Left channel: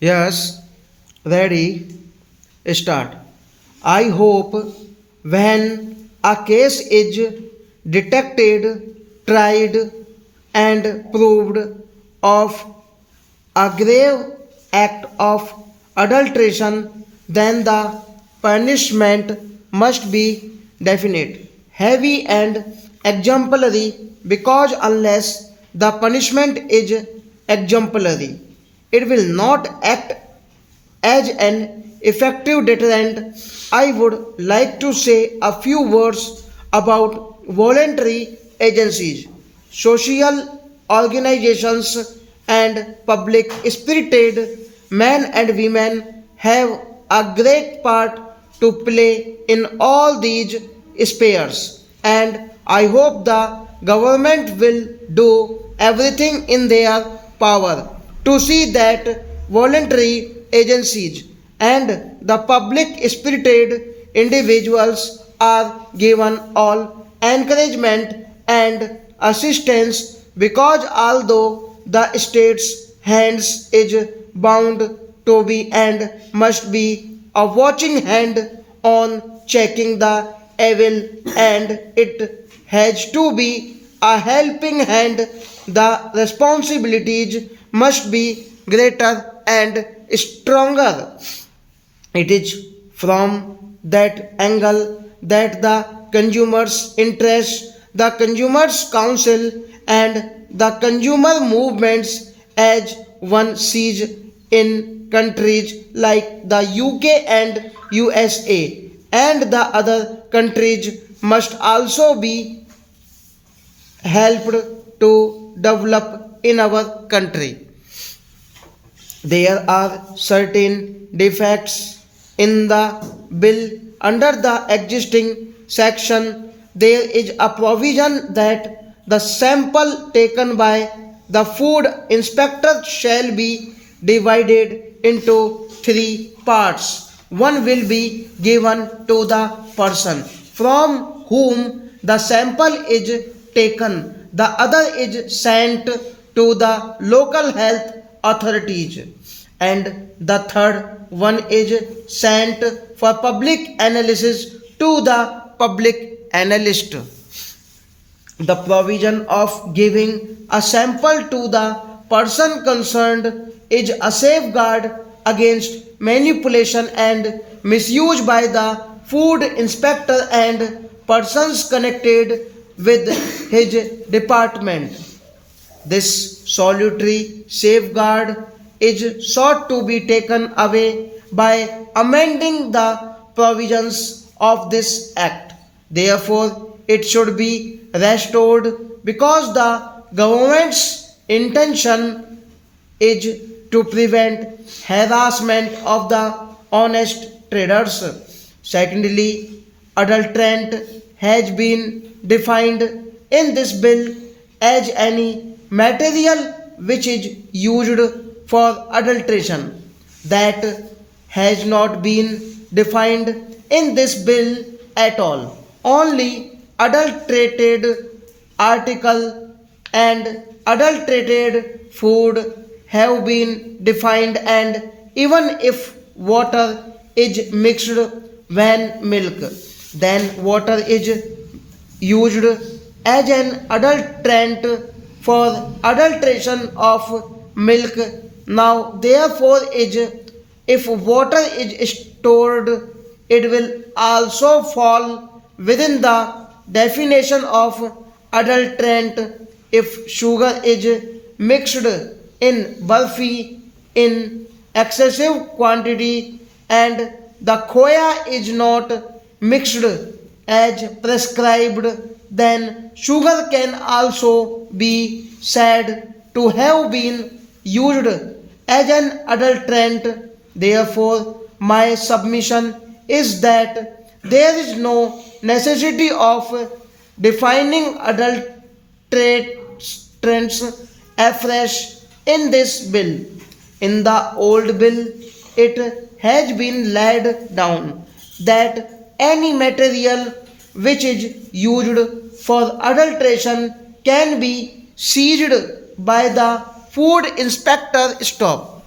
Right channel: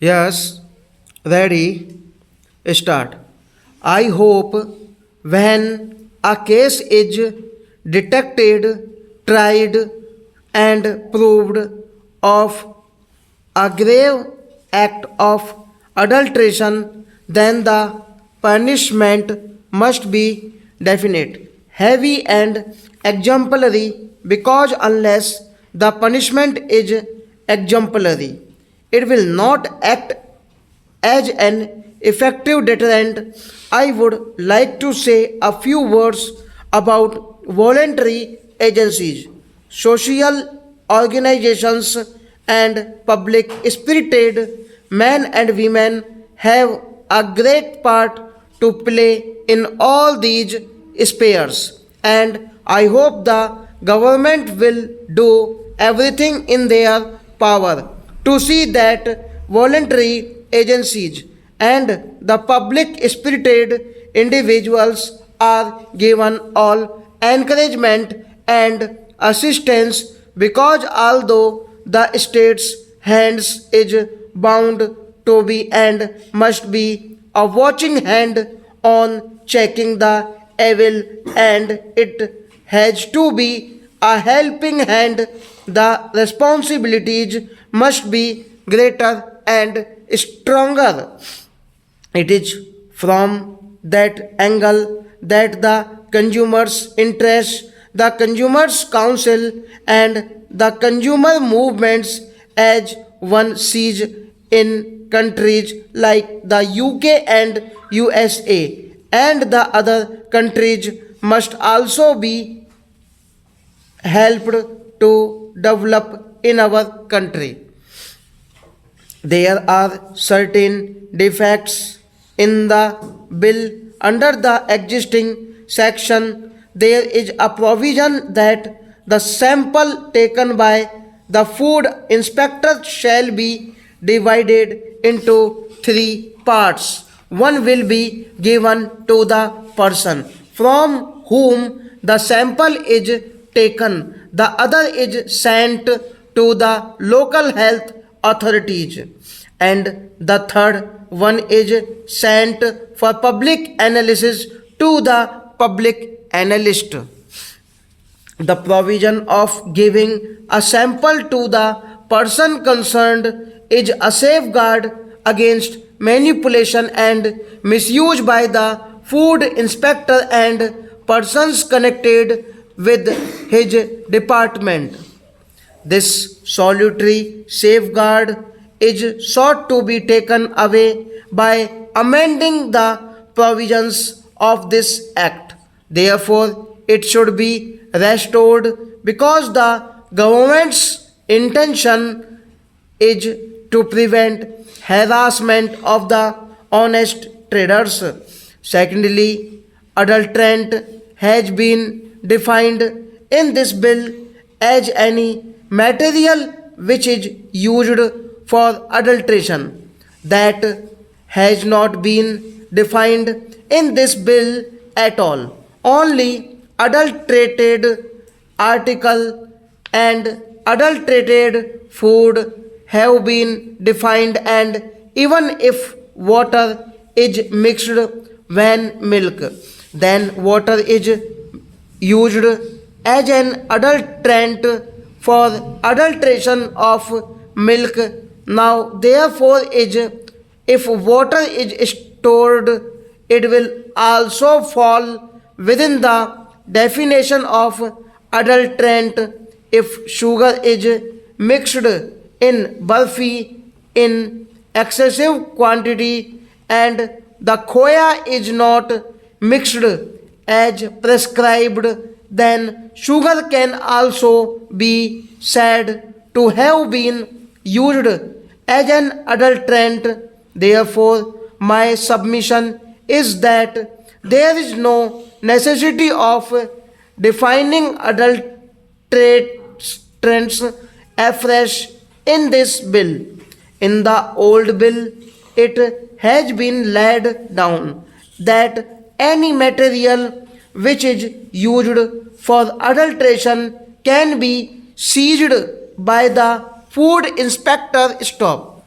Yes, ready, start. I hope when a case is detected, tried, and proved of a grave act of adulteration, then the punishment must be definite, heavy, and exemplary because unless the punishment is exemplary, it will not act as an effective deterrent. I would like to say a few words about voluntary agencies, social organizations, and public spirited men and women have a great part to play in all these spheres, and I hope the government will do everything in their power to see that voluntary agencies and the public spirited individuals are given all encouragement and assistance because although the state's hands is bound to be and must be a watching hand on checking the evil, and it has to be a helping hand. The responsibilities must be greater and stronger. It is from that angle that the consumers' interest, the consumers' council, and the consumer movements, as one sees in countries like the UK and USA, and the other countries, must also be helped to develop in our country. There are certain defects in the bill. Under the existing section, there is a provision that the sample taken by the food inspector shall be divided into three parts. One will be given to the person from whom the sample is taken, the other is sent to the local health authorities, and the third one is sent for public analysis to the public analyst. The provision of giving a sample to the person concerned is a safeguard against manipulation and misuse by the food inspector and persons connected with his department. This solitary safeguard is sought to be taken away by amending the provisions of this act. Therefore, it should be restored because the government's intention is to prevent harassment of the honest traders. Secondly, adulterant has been defined in this bill as any material which is used for adulteration. That has not been defined in this bill at all. Only adulterated article and adulterated food have been defined, and even if water is mixed when milk, then water is used as an adulterant for adulteration of milk. Now, therefore, is if water is stored, it will also fall within the definition of adulterant. If sugar is mixed in burfi in excessive quantity and the khoya is not mixed as prescribed, then sugar can also be said to have been used as an adulterant. Therefore, my submission is that there is no necessity of defining adulterants afresh in this bill. In the old bill, it has been laid down that any material which is used for adulteration can be seized by the food inspector. Stop.